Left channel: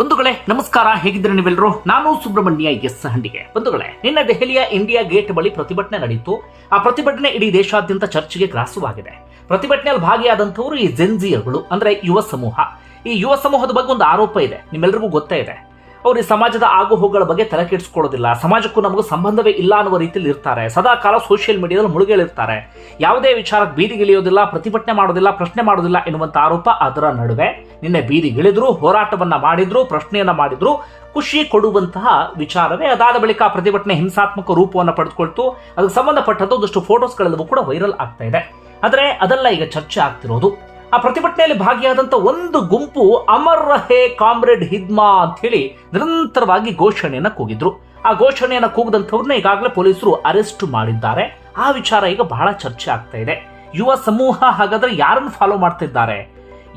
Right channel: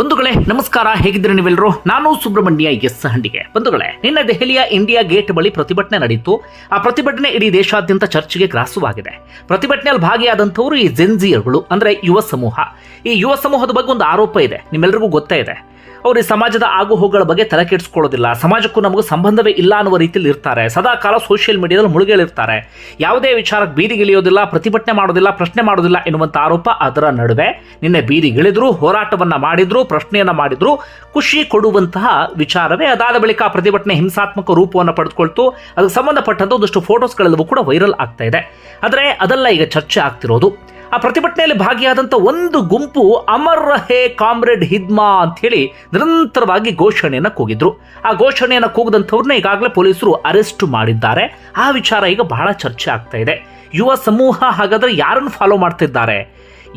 ಬಂಧುಗಳೇ, ನಮಸ್ಕಾರ. ಹೇಗಿದ್ದೀರಿ ನೀವೆಲ್ಲರೂ ನಾನು ಸುಬ್ರಹ್ಮಣ್ಯ ಎಸ್ ಹಂಡಿಗೆ. ಬಂಧುಗಳೇ, ನಿನ್ನೆ ದೆಹಲಿಯ ಇಂಡಿಯಾ ಗೇಟ್ ಬಳಿ ಪ್ರತಿಭಟನೆ ನಡೆಯಿತು ಆ ಪ್ರತಿಭಟನೆ ಇಡೀ ದೇಶಾದ್ಯಂತ ಚರ್ಚೆಗೆ ಗ್ರಾಸವಾಗಿದೆ. ಪ್ರತಿಭಟನೆಯಲ್ಲಿ ಭಾಗಿಯಾದಂಥವರು ಈ ಜೆನ್ಜಿಯರ್ಗಳು ಅಂದ್ರೆ ಯುವ ಸಮೂಹ. ಈ ಯುವ ಸಮೂಹದ ಬಗ್ಗೆ ಒಂದು ಆರೋಪ ಇದೆ. ನಿಮ್ಮೆಲ್ಲರಿಗೂ ಗೊತ್ತೇ ಇದೆ. ಅವರು ಈ ಸಮಾಜದ ಆಗು ಹೋಗುಗಳ ಬಗ್ಗೆ ತಲೆ ಕೆಡಿಸ್ಕೊಳ್ಳೋದಿಲ್ಲ. ಸಮಾಜಕ್ಕೂ ನಮಗೂ ಸಂಬಂಧವೇ ಇಲ್ಲ ಅನ್ನುವ ರೀತಿಯಲ್ಲಿ ಇರ್ತಾರೆ. ಸದಾ ಕಾಲ ಸೋಷಿಯಲ್ ಮೀಡಿಯಾದಲ್ಲಿ ಮುಳುಗೇಳಿರ್ತಾರೆ ಯಾವುದೇ ವಿಚಾರಕ್ಕೆ ಬೀದಿಗಿಳಿಯೋದಿಲ್ಲ ಪ್ರತಿಭಟನೆ ಮಾಡೋದಿಲ್ಲ, ಪ್ರಶ್ನೆ ಮಾಡೋದಿಲ್ಲ ಎನ್ನುವಂಥ ಆರೋಪ ಅದರ ನಡುವೆ. ನಿನ್ನೆ ಬೀದಿಗಿಳಿದ್ರು ಹೋರಾಟವನ್ನು ಮಾಡಿದ್ರು, ಪ್ರಶ್ನೆಯನ್ನು ಮಾಡಿದ್ರು, ಖುಷಿ ಕೊಡುವಂತಹ ವಿಚಾರವೇ. ಅದಾದ ಬಳಿಕ ಪ್ರತಿಭಟನೆ ಹಿಂಸಾತ್ಮಕ ರೂಪವನ್ನು ಪಡೆದುಕೊಳ್ತು. ಅದಕ್ಕೆ ಸಂಬಂಧಪಟ್ಟಂತ ಒಂದಷ್ಟು ಫೋಟೋಸ್ಗಳೆಲ್ಲವೂ ಕೂಡ ವೈರಲ್ ಆಗ್ತಾ ಇದೆ. ಆದರೆ ಅದೆಲ್ಲ ಈಗ ಚರ್ಚೆ ಆಗ್ತಿರೋದು. ಆ ಪ್ರತಿಭಟನೆಯಲ್ಲಿ ಭಾಗಿಯಾದಂಥ ಒಂದು ಗುಂಪು ಅಮರ್ ರಹೇ ಕಾಮ್ರೇಡ್ ಹಿದ್ಮಾ ಅಂತ ಹೇಳಿ ನಿರಂತರವಾಗಿ ಘೋಷಣೆಯನ್ನು ಕೂಗಿದ್ರು. ಆ ಘೋಷಣೆಯನ್ನು ಕೂಗದಂಥವ್ರನ್ನ ಈಗಾಗಲೇ ಪೊಲೀಸರು ಅರೆಸ್ಟ್ ಮಾಡಿದ್ದಾರೆ. ಆ ವಿಚಾರ ಈಗ ಬಹಳ ಚರ್ಚೆ ಆಗ್ತಾ ಇದೆ. ಯುವ ಸಮೂಹ ಹಾಗಾದ್ರೆ ಯಾರನ್ನು ಫಾಲೋ ಮಾಡ್ತಿದ್ದಾರೆ?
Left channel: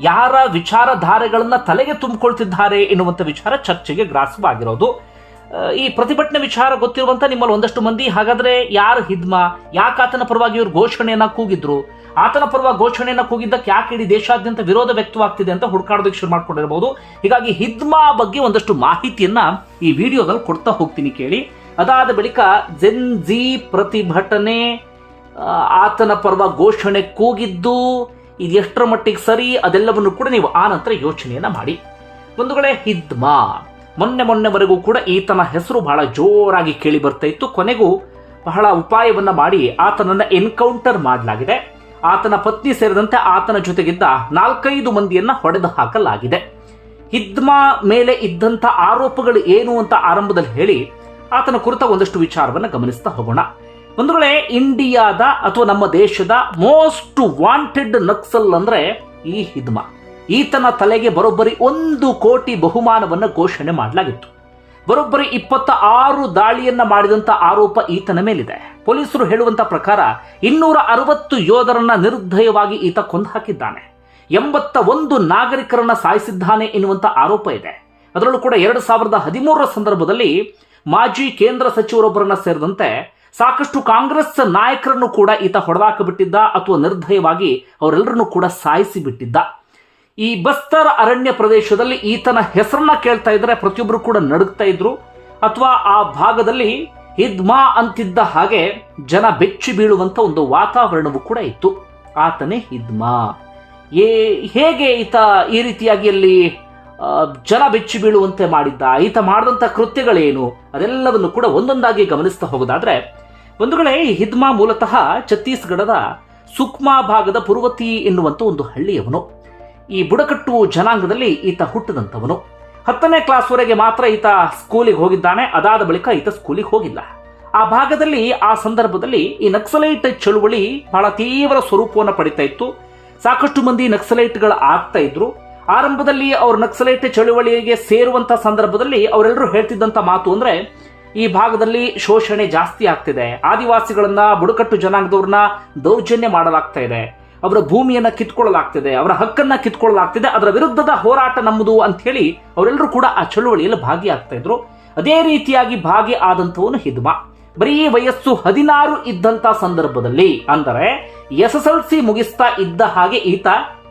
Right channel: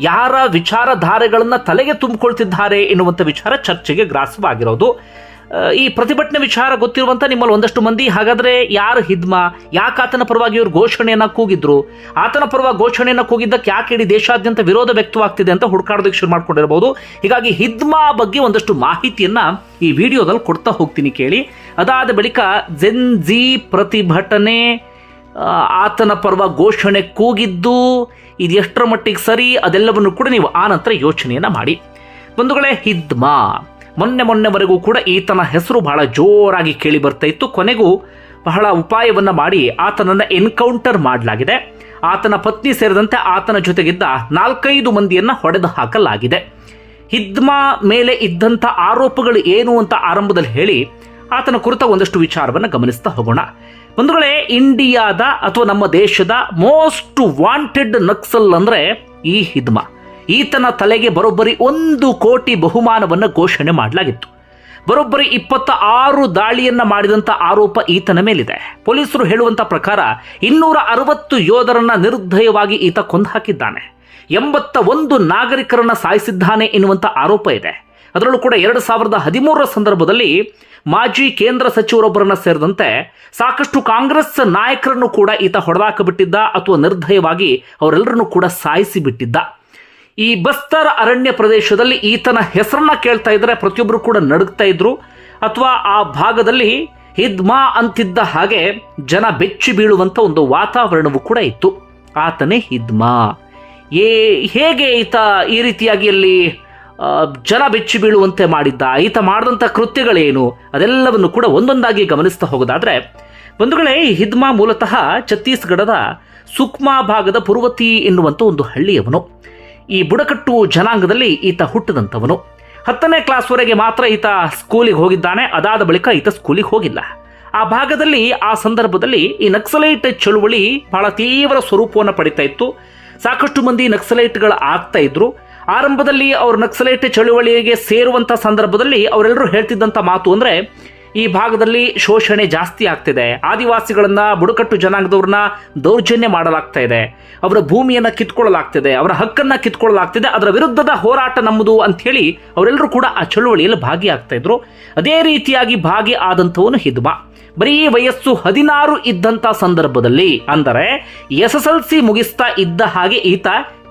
ಯಾರ ವಿಚಾರಧಾರೆಗಳನ್ನ ತಲೆಗೆ ತುಂಬಿಕೊಳ್ತಿದ್ದಾರೆ ಎನ್ನುವಂಥ ವಿಚಾರ ಚರ್ಚೆಗೆ ಗ್ರಾಸವಾಗಿರೋದು. ಈ ಪ್ರತಿಭಟನೆ ವಿಚಾರ ಗೊತ್ತಿರುವಂತ ನಿಮ್ಮಲ್ಲಿ ಒಂದಷ್ಟು ಮಂದಿ. ಹಾಗಾದ್ರೆ ಯಾರು ಹಿದ್ಮ? ಯಾಕೆ ಆತನ ಪರವಾಗಿ ಇವರು ಘೋಷಣೆಯನ್ನ ಕೂಗಿದ್ರು? ಆತನ ಪರವಾಗಿ ಘೋಷಣೆಯನ್ನ ಕೂಗಿದ್ದಕ್ಕೆ ಯಾಕೆ ಇಡೀ ದೇಶಾದ್ಯಂತ ವಿರೋಧ ವ್ಯಕ್ತವಾಗ್ತಿದೆ ಅಂತ ಹುಡುಕಾಡೋದಕ್ಕೆ ಶುರು ಮಾಡ್ಕೊಂಡಿರಬಹುದು. ಹೀಗಾಗಿ ಹಿದ್ಮಾ ಬಗ್ಗೆ ಒಂದಷ್ಟು ಮಾಹಿತಿಯನ್ನ ಈ ವಿಡಿಯೋದಲ್ಲಿ ಕೊಡ್ತಾ ಹೋಗ್ತೀನಿ ಕೇಳಿ. ಅದಾದ ಬಳಿಕ ಜೆನ್ ಜಿ ಪ್ರತಿಭಟನೆ ಆತನ ಪರವಾಗಿ ಘೋಷಣೆ ಕೂಗಿದ್ದು, ಇದು ಎಷ್ಟರ ಮಟ್ಟಿಗೆ ಸರಿ ಅದೆಲ್ಲವನ್ನು ಕೂಡ ನೀವು ಆ ನಂತರ ಯೋಚನೆಯನ್ನ ಮಾಡಿ. ಬಂಧುಗಳೇ, ಹಿದ್ಮಾ. ಮೊನ್ನೆ ಮೊನ್ನೆವರೆಗೂ ಕೂಡ ಈತನ ಹೆಸರು ಬಹಳ ಜೋರಾಗಿ ಕೇಳಿ ಬರ್ತಾ ಇತ್ತು. ಕೊನೆಗೂ ಬಹಳ ಉಪಾಯವನ್ನ ಮಾಡಿ ಆತನನ್ನ ಎನ್ಕೌಂಟರ್ ಮಾಡಲಾಗಿದೆ. ಆತನ ಪತ್ನಿ ಸೇರಿದಂತೆ ಆತನ ಜೊತೆಗಿದ್ದ ನಾಲ್ಕೈದು ಮಂದಿಯನ್ನ ಹೊಡೆದು ಹಾಕಲಾಗಿದೆ. ಹಿದ್ಮಾ ಮೇಲೆ ಇದ್ದಂಥ ಆರೋಪಗಳು ಏನು ಅಂತ ಆರಂಭದಲ್ಲಿ ಹೇಳಿ ಆತನ ಕುರಿತ ಒಂದಷ್ಟು ವಿಚಾರವನ್ನು ಗಮನಿಸ್ತಾ ಹೋಗೋಣ. ಬಂಧುಗಳೇ, ಇಂಡಿಯಾದ ಅಥವಾ ನಮ್ಮ ದೇಶದ ಮೋಸ್ಟ್ ವಾಂಟೆಡ್ ನಕ್ಸಲ್ ಅಂದ್ರೆ ಈ ಹಿದ್ಮಾ. ಈತನ ತಲೆಗೆ ಬರೋಬ್ಬರಿ ಒಂದು ಕೋಟಿ ಬಹುಮಾನವನ್ನು ಘೋಷಣೆ ಮಾಡಲಾಗಿತ್ತು. ಬರೋಬ್ಬರಿ ಇಪ್ಪತ್ತ ಆರು ದಾಳಿಯನ್ನು ಮಾಡಿದಂತ ಆರೋಪ ಈತನ ಮೇಲಿದೆ. ಪೊಲೀಸರು ಹೇಳುವಂತ ಪ್ರಕಾರ ಇನ್ನೂರ ಅರವತ್ತು ಯೋಧರನ್ನ ನಿರ್ದಯವಾಗಿ ಈತ ಕೊಂದು ಹಾಕಿದ್ದಾನೆ. ಎಂಬತ್ತ ಒಂದು ನಾಗರಿಕರನ್ನ ಸಾಯಿಸಿದ್ದಾನೆ ಎನ್ನುವಂಥ ಆರೋಪ ಇದೆ. ಅದರಲ್ಲೂ ಕೂಡ ಎರಡು ಸಾವಿರದ ಹದಿಮೂರರ ಸಂದರ್ಭದಲ್ಲಿ ಮಾಜಿ ಕೇಂದ್ರ ಸಚಿವರೊಬ್ಬರನ್ನ ಸೇರಿದಂತೆ ಸಾಕಷ್ಟು ಕಾಂಗ್ರೆಸ್ ನಾಯಕರನ್ನು ಕೂಡ ಈತ ಹೊಡೆದಾಕಬಿಟ್ಟಿದ್ದ ಅಥವಾ ನಿರ್ದಯವಾಗಿ ಅವರೆಲ್ಲರನ್ನು ಕೂಡ ಸಾಯಿಸಿ ಬಿಟ್ಟಿದ್ದ ಈ ಬಸ್ತರ್ ಅರಣ್ಯ ಪ್ರದೇಶದಲ್ಲಿ ಈತನ ಹೆಸರನ್ನ ಕೇಳ್ತಾ ಇದ್ರೆ ಪ್ರತಿಯೊಬ್ಬರು ಕೂಡ ನಡುಗ್ತಾ ಇದ್ರು. ಅಥವಾ ಆ ಭಾಗದಲ್ಲಿ ಹಿದ್ಮಾ ಅಂತಿದ್ದ ಹಾಗೆ ಜನ ಬೆಚ್ಚಿ ಬೀಳುವಂತ ಒಂದು ವಾತಾವರಣವೂ ಕೂಡ ಇತ್ತು. ಆತನೇ ಹಿದ್ಮಾ ಏ, ಹೇಗೆ ಈತ ಈ ರೀತಿಯಾಗಿ ಅಲ್ಲಿ ಜನ ಬೆಚ್ಚಿ ಬೀಳುವಂತೆ ಮಾಡಿದ್ದ? ಈತ ಮಾಡಿದಂಥ ಕೃತ್ಯಗಳೇನು? ಅದೆಲ್ಲವನ್ನು ಕೂಡ ಒಂದೊಂದಾಗಿ ಗಮನಿಸ್ತಾ ಹೋಗೋದಾದ್ರೆ, ಬಂಧುಗಳೇ ಹಿದ್ಮಾ ಮೂಲತಃ ಛತ್ತೀಸ್ಗಢದ ಸುಕ್ಮಾ ಭಾಗದ ಪುರ್ವತಿ ಎನ್ನುವಂಥ ಒಂದು ಹಳ್ಳಿಯವನು. ಈ ಬುಡಕಟ್ಟು ಜನಾಂಗದಲ್ಲಿ ಈತ ಹುಟ್ಟಿದಂಥವನು. ಹತ್ತನೇ ಕ್ಲಾಸ್ವರೆಗೆ ಮಾತ್ರ ಈತ ಸ್ಕೂಲಿಗೆ ಹೋಗಿದ್ದಾನೆ, ಅದಾದ ಬಳಿಕ ಈತ ಸ್ಕೂಲಿಗೆ ಹೋಗಿಲ್ಲ. ಆ ಭಾಗದಲ್ಲಿ, ಆ ಸಂದರ್ಭದಲ್ಲಿ ಈ ನಕ್ಸಲೈಟ್ ಚಳುವಳಿ ಬಹಳ ತೀವ್ರ ಸ್ವರೂಪವನ್ನು ಪಡಿತಾ ಇತ್ತು. ಸಾಕಷ್ಟು ಮಂದಿ ನಕ್ಸಲೈಟ್ಗಳು ಆಗ್ತಾ ಇದ್ರು. ಆರಂಭದಲ್ಲಿ ಅವರು ನಕ್ಸಲೈಟ್ ಚಳುವಳಿಗೆ ಸೇರುವಂಥ ಸಂದರ್ಭದಲ್ಲಿ ಅವರೆಲ್ಲರೂ ಹೇಳ್ತಿದ್ದಂಥ ಮಾತು ಅಂದ್ರೆ, ಈ ಭಾಗದಲ್ಲಿ ಶೋಷಣೆ ಜಾಸ್ತಿ ಆಗ್ತಿದೆ. ಆದಿವಾಸಿಗಳನ್ನ, ಬುಡಕಟ್ಟು ಜನಾಂಗದವ್ರನ್ನ ದೌರ್ಜನ್ಯ ಮಾಡಲಾಗ್ತಾ ಇದೆ. ಅವರ ಭೂಮಿಯನ್ನು ಕಿತ್ಕೊಳ್ಳಲಾಗ್ತದೆ, ಅವರ ಹಕ್ಕನ್ನ ಕಿತ್ಕೊಳ್ಳಲಾಗ್ತದೆ, ಅದರ ವಿರುದ್ಧದ ಹೋರಾಟ ನಮ್ಮದು ಅಂತ ಹೇಳಿ ಅವರೆಲ್ಲರೂ ಕೂಡ ಆ ಚಳುವಳಿಯಲ್ಲಿ ಭಾಗಿಯಾಗ್ತಾ ಇದ್ರು. ಅದೇ ರೀತಿಯಾಗಿ ಭಾಗಿ ಆದಂಥವನು ಹಿದ್ಮ. ಬರೀ ವಯಸ್ಸು ಹದಿನಾರು ಇದ್ದಂತ ಸಂದರ್ಭದಲ್ಲಿ ಅಂದರೆ ಎಸ್ ಎಸ್ ಎಲ್ ಸಿ ಮುಗಿಸ್ತಾ ಇದ್ದ ಹಾಗೆ ಈತ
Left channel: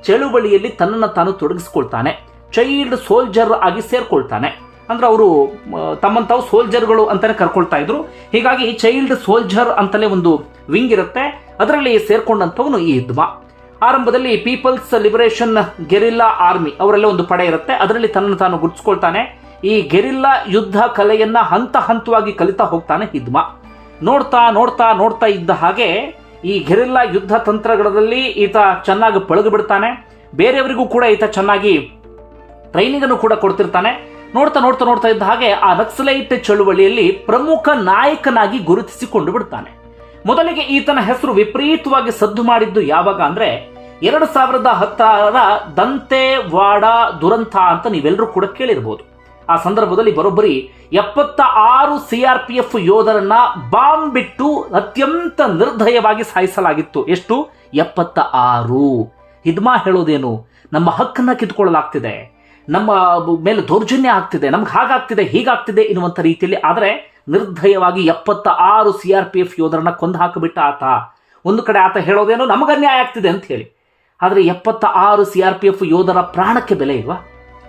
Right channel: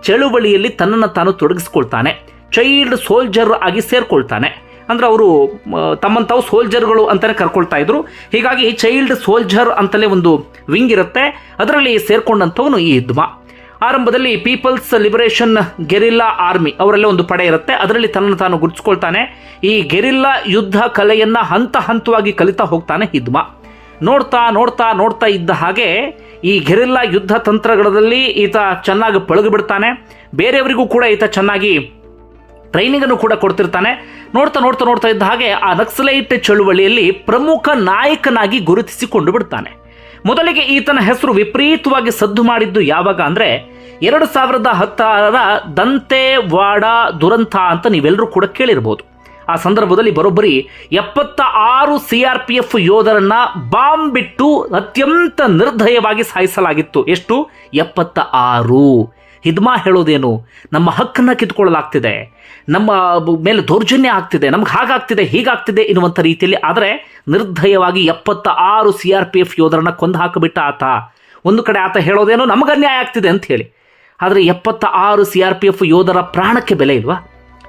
ಚಳುವಳಿಯಲ್ಲಿ ತನ್ನನ್ನು ತಾನು ತೊಡಗಿಸ್ಕೊಳ್ತಾನೆ. ಚೈಲ್ಡ್ ಸೋಲ್ಜರ್ ಆಗಿ ಸೇರ್ಕೊಳ್ತಾನೆ. ಅಂದ್ರೆ ಅವರು ತಮ್ಮನ್ನು ತಾವು ಸೋಲ್ಜರ್ಗಳು ಅಂತಾನೆ ಕರ್ಕೊಳ್ತಾ ಇದ್ರು. ಹೀಗಾಗಿ ಚೈಲ್ಡ್ ಸೋಲ್ಜರ್ ಅಂತಲೇ ಒಂದು ವಿಂಗ್ ಇರುತ್ತೆ. ಅದರಲ್ಲಿ ಸೇರ್ಕೊಂಡಂಥವನು ಈ ಹಿದ್ಮಾ. ಆರಂಭದಲ್ಲಿ ಪೀಪಲ್ಸ್ ಲಿಬರೇಷನ್ ಗೆರಿಲ್ಲಾ ಆರ್ಮಿ ಅವರಲ್ಲೇ ಒಂದು ಪಡೆ ಇರುತ್ತೆ. ಅದರಲ್ಲಿ ತನ್ನನ್ನು ತಾನು ಗುರುತಿಸ್ಕೊಳ್ತಾನೆ. ಈ ಗೆರಿಲ್ಲಾ ಯುದ್ಧ ಕಲೆಯನ್ನ ಹಂತ ಹಂತವಾಗಿ ಕಲಿತಾ ಹೋಗ್ತಾನೆ ಹಿದ್ಮ. ನೋಡ್ತಾ ನೋಡ್ತಾ ನೋಡ್ತಾ ಇದ್ದ ಹಾಗೆ ಈ ಗೆರಿಲ್ಲಾ ಯುದ್ಧ ತಂತ್ರಗಳಲ್ಲಿ ಈತ ಚೆನ್ನಾಗಿ ಪಳಗಿ ಬಿಡ್ತಾನೆ. ಬೇರೆಯವರಿಗೂ ಕೂಡ ಈತ ಚೆನ್ನಾಗಿ ಟ್ರೈನಿಂಗ್ ಅನ್ನು ಕೂಡ ಕೊಡ್ತಿರ್ತಾನೆ. ನೋಡ್ತಾ ನೋಡ್ತಾ ನೋಡ್ತಾ ಇದ್ದ ಹಾಗೆ ಆ ನಕ್ಸಲೈಟ್ ಚಳುವಳಿಯಲ್ಲಿ ಪ್ರಮುಖ ನಾಯಕನಾಗಿ ಗುರುತಿಸಿಕೊಂಡು ಬಿಡ್ತಾನೆ. ಮೊದಲಿಗೆ ಈತನ ಹೆಸರು ವಿಪರೀತವಾಗಿ ಸದ್ದು ಮಾಡಿದ್ದು ಯಾವಾಗ ಅಂದ್ರೆ ಎರಡು ಸಾವಿರದ ಹತ್ತಾರರ ದಂತೆವಾಡ ದುರಂತ ಅಂತ ನೀವೆಲ್ಲರೂ ಕೂಡ ಕೇಳಿರ್ಬೋದು. ಆ ಸಂದರ್ಭದಲ್ಲಿ ಬರೋಬ್ಬರಿ ಎಪ್ಪತ್ತ ಆರು ಸಿ ಆರ್ ಪಿ ಎಫ್ ಯೋಧರನ್ನ ಬಾಂಬ್ ಬಿಟ್ಟು ಅತ್ಯಂತ ನಿರ್ದಯವಾಗಿ ಸಾಯಿಸಲಾಗಿತ್ತು. ಎಷ್ಟು? ಎಪ್ಪತ್ತ ಆರು. ಹಿದ್ಮಾ ಹೇಳೋದೇನು? ನಮ್ಮ ಹಕ್ಕನ್ನ ಕಿತ್ಕೊಳ್ಳಲಾಗ್ತಿದೆ. ನಮ್ಮ ಮೇಲೆ ದೌರ್ಜನ್ಯ ಆಗ್ತಿದೆ. ನಮ್ಗೆ ಹಾಗಾಗ್ತಿದೆ, ಹೀಗಾಗ್ತಿದೆ ಎನ್ನುವಂಥ ರೀತಿಯಲ್ಲಿ. ಆದರೆ ನಿರ್ದಯವಾಗಿ ಎಪ್ಪತ್ತ ಆರು ಸಿ ಆರ್ ಪಿ ಎಫ್ ಯೋಧರನ್ನ ಕೊಂದು ಹಾಕಿಬಿಟ್ಟ ಆತ. ಒಂದು ಕಡೆ ಆತ ಹೇಳೋದೇನೋ ನಮಗೆ ಅನ್ಯಾಯ ಆಗ್ತಿದೆ ಅಂತ ಹೇಳಿ. ಆದರೆ ಎಪ್ಪತ್ತ ಆರು ಸಿ ಆರ್ ಪಿ ಎಫ್ ಯೋಧರ ಪ್ರಾಣಕ್ಕೆ ಬೆಲೆ ಇಲ್ವಾ?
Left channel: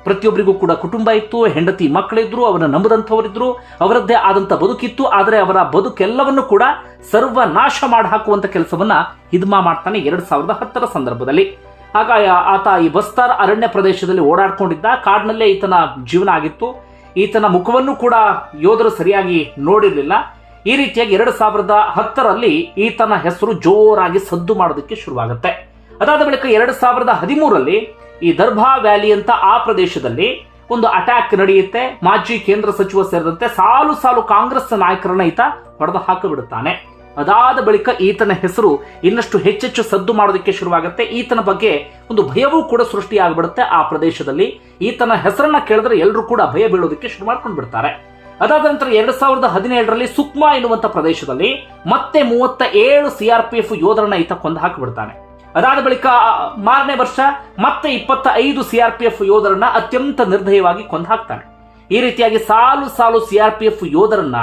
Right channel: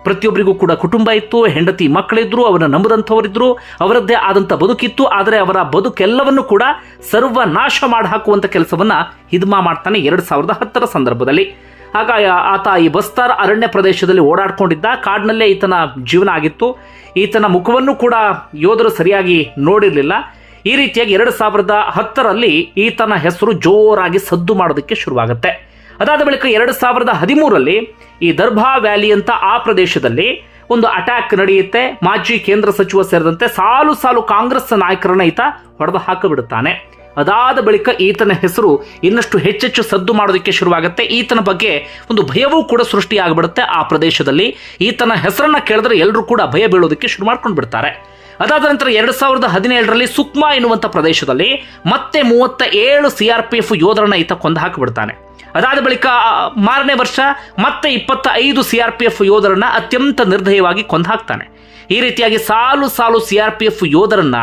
ಪ್ರತಿಯೊಬ್ಬರಿಗೂ ಕೂಡ ಕುಟುಂಬ ಇತ್ತು, ಹೆಂಡತಿ ಮಕ್ಕಳಿದ್ರು, ಅವರನ್ನು ನಂಬದಂಥವರಿದ್ರು, ಅವರದ್ದೇ ಆದಂಥ ಬದುಕಿತ್ತು, ಆದರೆ ಅವರ ಬದುಕೆಲ್ಲವನ್ನು ಕೂಡ ಸರ್ವನಾಶ ಮಾಡಿ ಹಾಕುವಂಥ ಕೆಲಸವನ್ನ ಹಿದ್ಮಾ ಮಾಡ್ತಾನೆ ಎರಡು ಸಾವಿರದ ಹತ್ತರ ಸಂದರ್ಭದಲ್ಲಿ. ಆಗ ಆತ ಈ ಬಸ್ತಾರ್ ಅರಣ್ಯ ಪ್ರದೇಶದಲ್ಲಿ ಓಡಾಡ್ಕೊಂಡಿದ್ದ, ಕಾಡಿನಲ್ಲೇ ಈತನ ಜೀವನ ಆಗಿತ್ತು. ಈತನ ಮುಖವನ್ನು ಕೂಡ ಯೋಧರು ಸರಿಯಾಗಿ ನೋಡಿರಲಿಲ್ಲ. ಈ ರೀತಿಯಾಗಿ ಎರಡು ಸಾವಿರದ ಹತ್ತರಲ್ಲಿ ಈತನ ಹೆಸರು ಜೋರಾಗಿ ಸದ್ದು ಮಾಡೋದಕ್ಕೆ ಶುರುವಾಗುತ್ತೆ. ಅದಾದ ಬಳಿಕ ಎರಡು ಸಾವಿರದ ಹದಿಮೂರರಲ್ಲಿ ಈ ದರ್ಭಾ ವ್ಯಾಲಿ ಅಂತ ಆ ಪ್ರದೇಶದಲ್ಲಿ ಒಂದು ಅಟ್ಯಾಕ್ ನಡೆಯುತ್ತೆ. ಮಾಜಿ ಕೇಂದ್ರ ಸಚಿವ ಸೇರಿದಂತೆ ಸಾಲು ಸಾಲು ಕಾಂಗ್ರೆಸ್ ನಾಯಕರನ್ನ ಈತ ಹೊಡೆದು ಹಾಕಿಬಿಡುತ್ತಾನೆ ಅದಾದ ಬಳಿಕ ಈತನ ಹೆಸರು ಇನ್ನಷ್ಟು ಹೆಚ್ಚೆಚ್ಚು ಸದ್ದು ಮಾಡೋದಕ್ಕೆ ಶುರುವಾಗುತ್ತೆ. ಈತನ ಬಗ್ಗೆ ಒಂದು ಭಯವೂ ಕೂಡ ಸೃಷ್ಟಿಯಾಗ್ಬಿಡುತ್ತೆ ಆ ಪ್ರದೇಶದಲ್ಲಿ. ಈತನ ಹೆಸರನ್ನ ಕೇಳಿದ್ರೆ ಎಲ್ಲರೂ ಕೂಡ ಭಯ ಬೀಳೋದಕ್ಕೆ ಶುರು ಮಾಡ್ಕೊಂಡು ಬಿಡ್ತಾರೆ. ಅದಾದ ನಂತರ ಎರಡು ಸಾವಿರದ ಹದಿನೇಳರಲ್ಲಿ ಸುಕ್ಮಾ ಎನ್ನುವಂಥ ಪ್ರದೇಶದಲ್ಲಿ ಮತ್ತೆ ಮೂವತ್ತ ಏಳು ಸಿ ಆರ್ ಪಿ ಎಫ್ ಯೋಧರನ್ನ ಈತ ಕೊಂದು ಹಾಕಿಬಿಡ್ತಾನೆ. ಅದಾದ ಬಳಿಕ ಮಾರನೇ ವರ್ಷ ಮತ್ತೆ ಇಪ್ಪತ್ತ ಐದು ಸಿ ಆರ್ ಪಿ ಎಫ್ ಯೋಧರನ್ನ ಅತ್ಯಂತ ನಿರ್ದಯವಾಗಿ ಕೊಂದು ಹಾಕ್ತಾನೆ. ಈ ರೀತಿಯಾಗಿ ಸಾಲು ಸಾಲು ಸಿ ಆರ್ ಪಿ ಎಫ್ ಯೋಧರನ್ನ,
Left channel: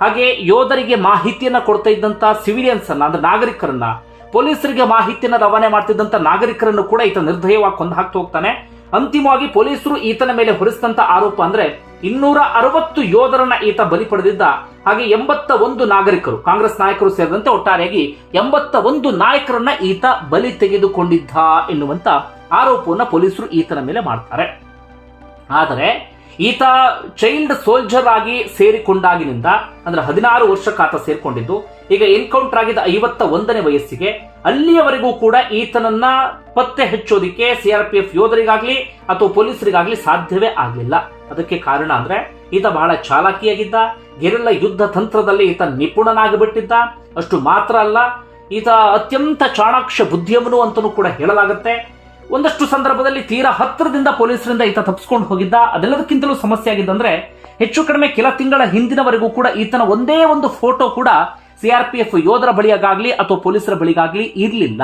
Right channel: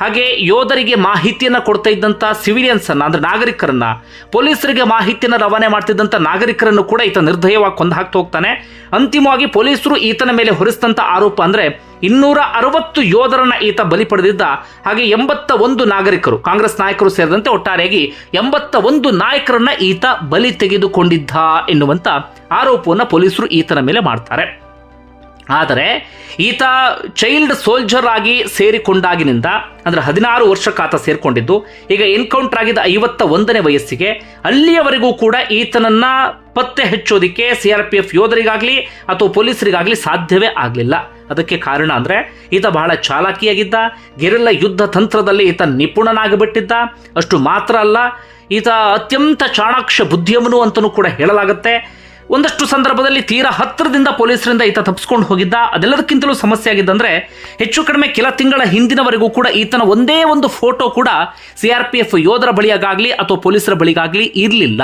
ಹಾಗೆ ಯೋಧರಿಗೆ ಮಾಹಿತಿಯನ್ನ ಕೊಡ್ತಾ ಇದ್ದಂತ ಸಿವಿಲಿಯನ್ಸ್ ಅನ್ನ, ಅಂದ್ರೆ ನಾಗರಿಕರನ್ನ, ಪೊಲೀಸರಿಗೆ ಮಾಹಿತಿಯನ್ನ ರವಾನೆ ಮಾಡ್ತಿದ್ದಂತ ನಾಗರಿಕರನ್ನು ಕೂಡ ಈತ ನಿರ್ದಯವಾಗಿ ಕೊಂದು ಹಾಕ್ತಾ ಹೋಗ್ತಾನೆ. ಅಂತಿಮವಾಗಿ ಪೊಲೀಸರು ಈತನ ಮೇಲೆ ಹೊರಿಸಿದಂತ ಆರೋಪ ಅಂದ್ರೆ ಇನ್ನೂರ ಅರವತ್ತು ಯೋಧರನ್ನ ಈತ ಬಲಿ ಪಡೆದಿದ್ದ, ಹಾಗೆ ಎಂಬತ್ತ ಒಂದು ನಾಗರಿಕರು, ಕಾಂಗ್ರೆಸ್ ನಾಯಕರು ಸೇರಿದಂತೆ ಒಟ್ಟಾರೆಯಾಗಿ ಎಂಬತ್ತ ಒಂದು ನಾಯಕರನ್ನ ಈತ ಬಲಿ ತೆಗೆದುಕೊಂಡಿದ್ದ ಎನ್ನುವಂತ ಆರೋಪವನ್ನು ಪೊಲೀಸರು ಈತನ ಮೇಲೆ ಮಾಡ್ತಾರೆ. ಆದರೆ ಈತ ಚೈಲ್ಡ್ ಸೋಲ್ಜರ್ ಆಗಿ ಸೇರಿಕೊಂಡಾಗಿನಿಂದ ಅಂದ್ರೆ ಹದಿನಾರು ವರ್ಷಕ್ಕಾತ ಸೇರಿಕೊಂಡಿದ್ದು, ಈಗ ಎನ್ಕೌಂಟರ್ ಆಗಿದ್ದ ಐವತ್ತ ಒಂದನೇ ವಯಸ್ಸಿಗೆ ಅಲ್ಲಿಯವರೆಗೂ ಕೂಡ ಈತನನ್ನ ಪತ್ತೆ ಹಚ್ಚೋದಿಕ್ಕೆ ಸಿ ಆರ್ ಪಿ ಎಫ್ ಯೋಧರಿಗಾಗ್ಲಿ ಅಥವಾ ಪೊಲೀಸರಿಗಾಗಲಿ ಸಾಧ್ಯವೇ ಆಗಲಿಲ್ಲ. ಅದಕ್ಕೆ ಕಾರಣ ಅಂದ್ರೆ ಈತ ಬಹಳ ಚಾಲಾಕಿಯಾಗಿದ್ದ, ಗೆರೆಲ್ಲ ಯುದ್ಧ ತಂತ್ರದಲ್ಲಿ ಈತ ನಿಪುಣನಾಗಿಬಿಟ್ಟಿದ್ದ. ಅಷ್ಟು ಮಾತ್ರ ಅಲ್ಲ, ಈತ ಅತ್ಯಂತ ಚಾಣಾಕ್ಷ ಬುದ್ಧಿಯವನು ಅಂತಲೂ ಕೂಡ ಹೇಳಲಾಗುತ್ತೆ. ಒಂದಷ್ಟು ಸಂದರ್ಭದಲ್ಲಿ ತೀರಾ ಹತ್ತಿರದಿಂದ ಪೊಲೀಸರಿಂದ ಈತ ತಪ್ಪಿಸ್ಕೊಂಡು ಹೋಗಿದ್ದ. ಅದೆಲ್ಲದಕ್ಕಿಂತಲೂ ಸಮಸ್ಯೆ ಆಗಿದ್ದಂದ್ರೆ, ಹೆಚ್ಚು ಕಡಿಮೆ ಕೆಲ ತಿಂಗಳ ಹಿಂದಿನವರೆಗೂ ಕೂಡ ಈತನ ಒಂದೇ ಒಂದು ಫೋಟೋ ಕೂಡ ಸಿ ಆರ್ ಪಿ ಎಫ್ ಯೋಧರ ಬಳಿಯಾಗಲಿ ಅಥವಾ ಪೊಲೀಸರ ಬಳಿಗಾಗಲಿ ಇರಲಿಲ್ಲ.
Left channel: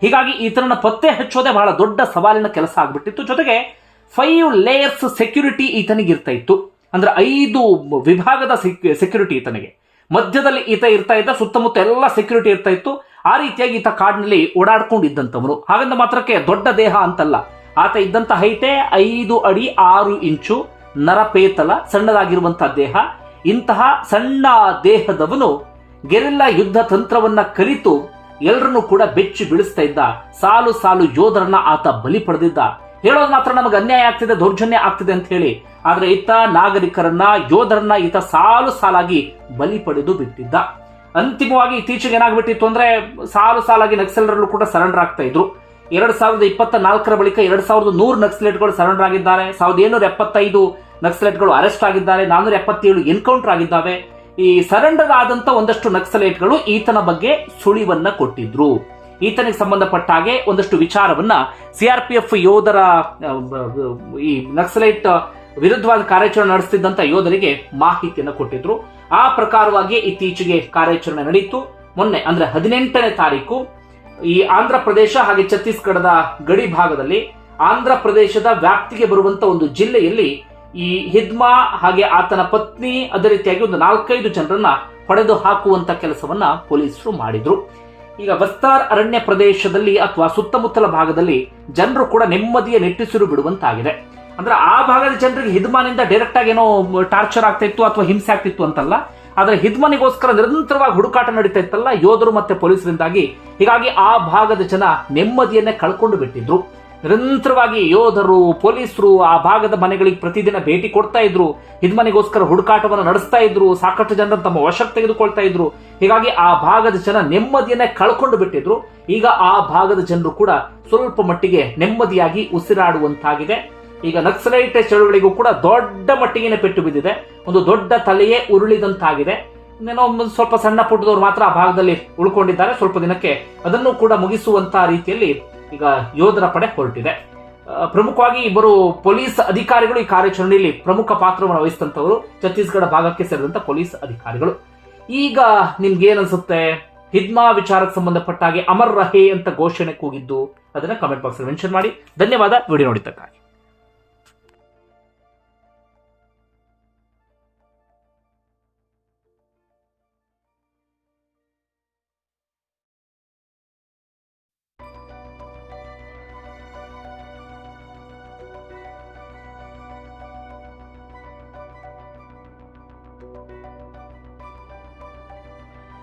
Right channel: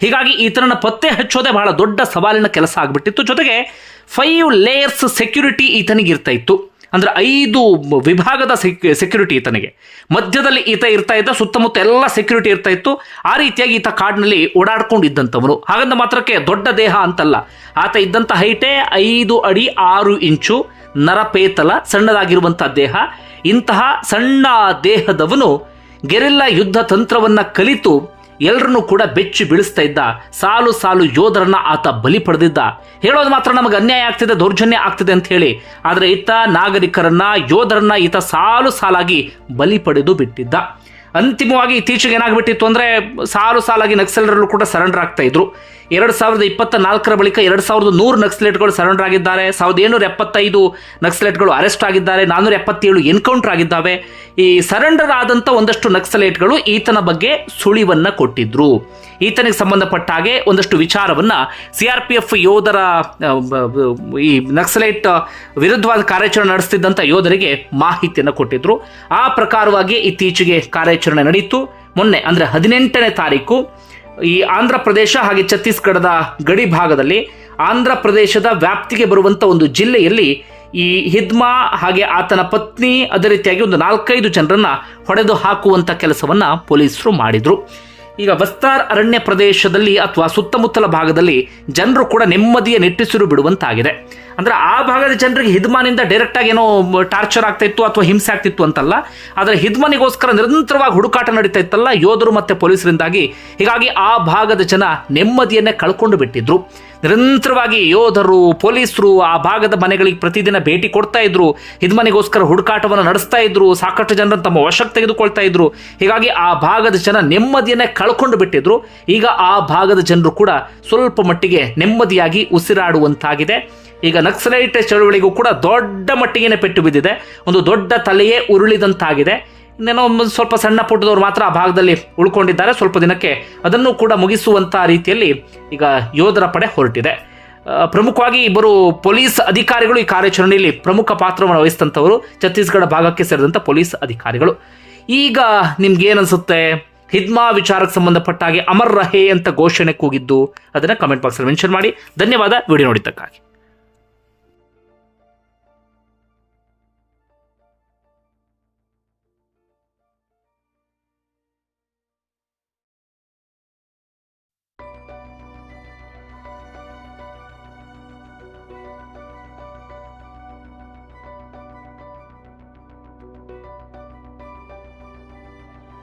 ಹೀಗಾಗಿ ಈತನನ್ನು ಪತ್ತೆ ಹಚ್ಚೋದೇ ಬಹಳ ದೊಡ್ಡ ಸವಾಲಿನ ಕೆಲಸ ಆಗ್ಬಿಟ್ಟಿತ್ತು. ಜೊತೆಗೆ ಫೈವ್ ಲೇಯರ್ಸ್ ಸೆಕ್ಯೂರಿಟಿ ಈತನಿಗಿರ್ತಾ ಇತ್ತು. ಅಂದ್ರೆ ಐದು ವಿಭಾಗದ ಸೆಕ್ಯೂರಿಟಿ ಈತನಿಗೆ. ಮಧ್ಯದಲ್ಲಿ ಈತ ಇರ್ತಾ ಇದ್ದ, ಸುತ್ತಮುತ್ತ ಎಲ್ಲ ಸೆಕ್ಯೂರಿಟಿ ಇರ್ತಾ ಇತ್ತು. ಆ ರೀತಿಯಾಗಿ ಈತ ಕಾಡಿನಲ್ಲಿ ಓಡಾಡ್ಕೊಂಡಿದ್ದಂಥವನು ಹಾಗಂದ ಮಾತ್ರಕ್ಕೆ ದೊಡ್ಡ ದೇಹ ಅಂತಲ್ಲ. ಆತ ಇದ್ದಂಥ ಹೈಟೇ ಐದು ಅಡಿ ಆರು ಇಂಚು ನರಪೇತಲ ಸಣ್ಣದಾಗಿರುವಂಥ ದೇಹ. ಇಂತಹ ಸಣ್ಣ ದೇಹದವನು ಗೆರಿಲ್ಲಾ ಯುದ್ಧ ತಂತ್ರವನ್ನ ಕಲಿತು ಎಲ್ಲರನ್ನೂ ಕೂಡ ಬೆಚ್ಚಿ ಬೀಳಿಸ್ತಾ ಇದ್ದ, ಸಾಲು ಸಾಲು ಯೋಧರನ್ನ ಆತ ಬಲಿ ಪಡೆದಿದ್ದ. ಹೇಳೋದು ಮಾತ್ರ ನಮಗೆ ಅನ್ಯಾಯ ಆಗ್ತಿದೆ, ದೌರ್ಜನ್ಯ ಆಗ್ತಿದೆ ಅಂತ ಹೇಳಿ. ಆದರೆ ಈತ ನಾಗರಿಕರನ್ನ, ಯೋಧರನ್ನ ಈತ ಸಾಲು ಸಾಲಾಗಿ ಬಲಿ ಪಡೆದು ಬಿಟ್ಟಿದ್ದ. ಅಂತಿಮವಾಗಿ ಇತ್ತೀಚೆಗೆ ಏನಾಗ್ಬಿಟ್ಟಿತ್ತು ಅಂದರೆ ಸಾಲು ಸಾಲಾಗಿ ನಕ್ಸಲರಲ್ಲೂ ಕೂಡ ಸರೆಂಡರ್ ಆಗ್ತಾ ಇದ್ರು. ಎರಡು ಸಾವಿರದ ಇಪ್ಪತ್ತ ನಾಲ್ಕರ ಬಳಿಕ ಎರಡು ಸಾವಿರದ ನೂರು ನಕ್ಸಲೇಟ್ಗಳು ಸರೆಂಡರ್ ಆಗಿದ್ದಾರೆ. ಸಾವಿರದ ಏಳ್ನೂರ ಎಪ್ಪತ್ತೈದು ನಕ್ಸಲೇಟ್ಗಳು ಅರೆಸ್ಟ್ ಆಗಿದ್ದಾರೆ. ನಾನ್ನೂರ ಎಪ್ಪತ್ತೇಳು ಎನ್ಕೌಂಟರ್ ಆಗಿದ್ದಾವೆ. ಈ ಸರೆಂಡರ್ ಆದಂಥ ಒಂದಷ್ಟು ನಕ್ಸಲೇಟ್ಗಳು ಈತನ ಬಗ್ಗೆ ಸುಳಿವನ್ನು ಕೊಟ್ಟಿದ್ರು. ಈತನಿಗೆ ಸಂಬಂಧಪಟ್ಟ ಹಾಗೆ ಒಂದಷ್ಟು ವಿಚಾರವನ್ನ ಸಿ ಆರ್ ಪಿ ಎಫ್ ಯೋಧರ ಈ ನಕ್ಸಲೈಟ್ ವಿರುದ್ಧವಾದ ಕಾರ್ಯಾಚರಣೆ ನಡೆಸ್ತಿದ್ದಂಥ ಯೋಧರಿಗೆ ಮಾಹಿತಿಯನ್ನು ಕೊಟ್ಟಿದ್ರು. ಆ ಪ್ರಕಾರವಾಗಿ ಇತ್ತೀಚೆಗೆ ಕಾರ್ಯಾಚರಣೆ ನಡೆಯಿತು ಮೊನ್ನೆ ಅಂದ್ರೆ ಹದಿನೆಂಟನೇ ತಾರೀಕು ಈ ಆಂಧ್ರ ಪ್ರದೇಶ ಹಾಗೆ ಛತ್ತೀಸ್ಗಢದ ಗಡಿ ಭಾಗದಲ್ಲಿ ಆಂಧ್ರ ಪ್ರದೇಶದ ವ್ಯಾಪ್ತಿಗೆ ಬರುವಂತ ಒಂದು ಜಿಲ್ಲೆಯಲ್ಲಿ ಈ ಹಿದ್ಮಾ ಹಾಗೆ ಆತನ ಪತ್ನಿ ಅದೇ ರೀತಿಯಾಗಿ ಒಂದು ನಾಲ್ಕೈದು ಜನರನ್ನ ಹೊಡೆದು ಹಾಕುವಂಥ ಕೆಲಸವನ್ನ ಪೊಲೀಸರು ಮಾಡಿದ್ರು. ಈಗ ವಸ್ತಾರ್ ಅರಣ್ಯ ಪ್ರದೇಶದಲ್ಲಿ ಅಥವಾ ಸುತ್ತಮುತ್ತಲ ಭಾಗದಲ್ಲಿ ಜನರು ಕೂಡ ನೆಮ್ಮದಿಯ ನೆಟ್ಟಿಸಿರು ಬಿಡುವಂತಾಗಿದೆ. ಅಂದ್ರೆ ಆ ಭಾಗದ ಜನರಿಗೆ ಹಿದ್ಮಾನಿಂದ ಡೈರೆಕ್ಟ್ ಆಗಿ ಏನೋ ಟಾರ್ಚರ್ ಆಗ್ತಾ ಇತ್ತು ಅಥವಾ ಹಿಂಸೆ ಆಗ್ತಿತ್ತು ಅಂತಲ್ಲ, ಆದರೆ ಹಿದ್ಮನಿಗೋಸ್ಕರ ನಿರಂತರವಾಗಿ ಹುಡುಕಾಟ ನಡೀತಾ ಇತ್ತಲ್ಲ, ಯೋಧರು ಮತ್ತೆ ಪೊಲೀಸರಿಂದಾಗಿ. ಹೀಗಾಗಿ ಆ ಭಾಗದ ಜನ ನೆಮ್ಮದಿಯನ್ನೇ ಕಳ್ಕೊಂಡು ಬಿಟ್ಟಿದ್ರು. ನಿರಂತರವಾಗಿ ಯೋಧರು, ಪೊಲೀಸರು ಆ ಭಾಗದ ಮನೆಗಳಿಗೆ ಪ್ರತಿದಿನ ಭೇಟಿ ಕೊಡ್ತಾ ಇದ್ರು. ಹಿದ್ಮನೆಗೋಸ್ಕರ ಹುಡುಕಾಟವನ್ನು ನಡೆಸ್ತಾ ಇದ್ರು. ಸಾಕಷ್ಟು ಜನರನ್ನು ತಮ್ಮ ವಶಕ್ಕೆ ತೆಗೆದುಕೊಳ್ತಾ ಇದ್ರು. ಹೀಗಾಗಿ ಆ ಭಾಗದ ಜನ ನೆಮ್ಮದಿಯನ್ನೇ ಕಳ್ಕೊಂಡು ಬಿಟ್ಟಿದ್ರು. ಈಗ ಆ ಭಾಗದ ಜನರು ಕೂಡ ಸ್ವಲ್ಪ ಮಟ್ಟಿಗೆ ನೆಮ್ಮದಿಯಾಗಿ ಉಸಿರಾಡುವಂತಾಗಿದೆ. ಈಗ ನಕ್ಸಲೈಟ್ ಚಳುವಳಿಗೂ ಕೂಡ ದೊಡ್ಡ ಮಟ್ಟಿಗೆ ಪೆಟ್ಟು ಬಿದ್ದಿದೆ. ಒಂದು ದೊಡ್ಡ ತಲೆಯೇ ಉರುಳಿದಂತಾಗಿದೆ. ಇನ್ನೇನೋ ಒಂದು ಸ್ವಲ್ಪ ಸಣ್ಣ ಪುಟ್ಟದವ್ರು ಮಾತ್ರ ಆ ಭಾಗದಲ್ಲಿ ಉಳ್ಕೊಂಡಿದ್ದಾರೆ. ಸ್ವಲ್ಪ ದಿನಕ್ಕೆ ಅದನ್ನು ಕೂಡ ಮುಗಿಸುವಂತ ರೀತಿಯಲ್ಲಿ ಈಗ ಯೋಧರ ಪಡೆ ಹೊರಟಿದೆ. ಪ್ರಮುಖವಾಗಿ ಇಬ್ಬರು ಪೊಲೀಸ್ ಅಧಿಕಾರಿಗಳು ಈ ಕಾರ್ಯಾಚರಣೆಯಲ್ಲಿ ಪ್ರಮುಖ ಪಾತ್ರವನ್ನು ವಹಿಸಿದಂಥವರು ಛತ್ತೀಸ್ಗಢ ಭಾಗಕ್ಕೆ ಸೇರಿದಂಥ ಪೊಲೀಸ್ ಅಧಿಕಾರಿಗಳು. ಈಗ ನಿಮ್ಗೆ ಏನನ್ಸುತ್ತೆ ಹಿದ್ಮಾ ವಿಚಾರಕ್ಕೆ ಸಂಬಂಧಪಟ್ಟ ಹಾಗೆ ಅಮರ್ ರಹೇ ಅಂತ ಘೋಷಣೆ ಕೂಗಿದ್ದು, ಅದನ್ನು ಕಮೆಂಟ್ ಬಾಕ್ಸಲ್ಲಿ ಮೆನ್ಷನ್ ಮಾಡಿ. ಧನ್ಯವಾದ. ವಿಡಿಯೋ ನೋಡಿದ್ದಕ್ಕಾಗಿ.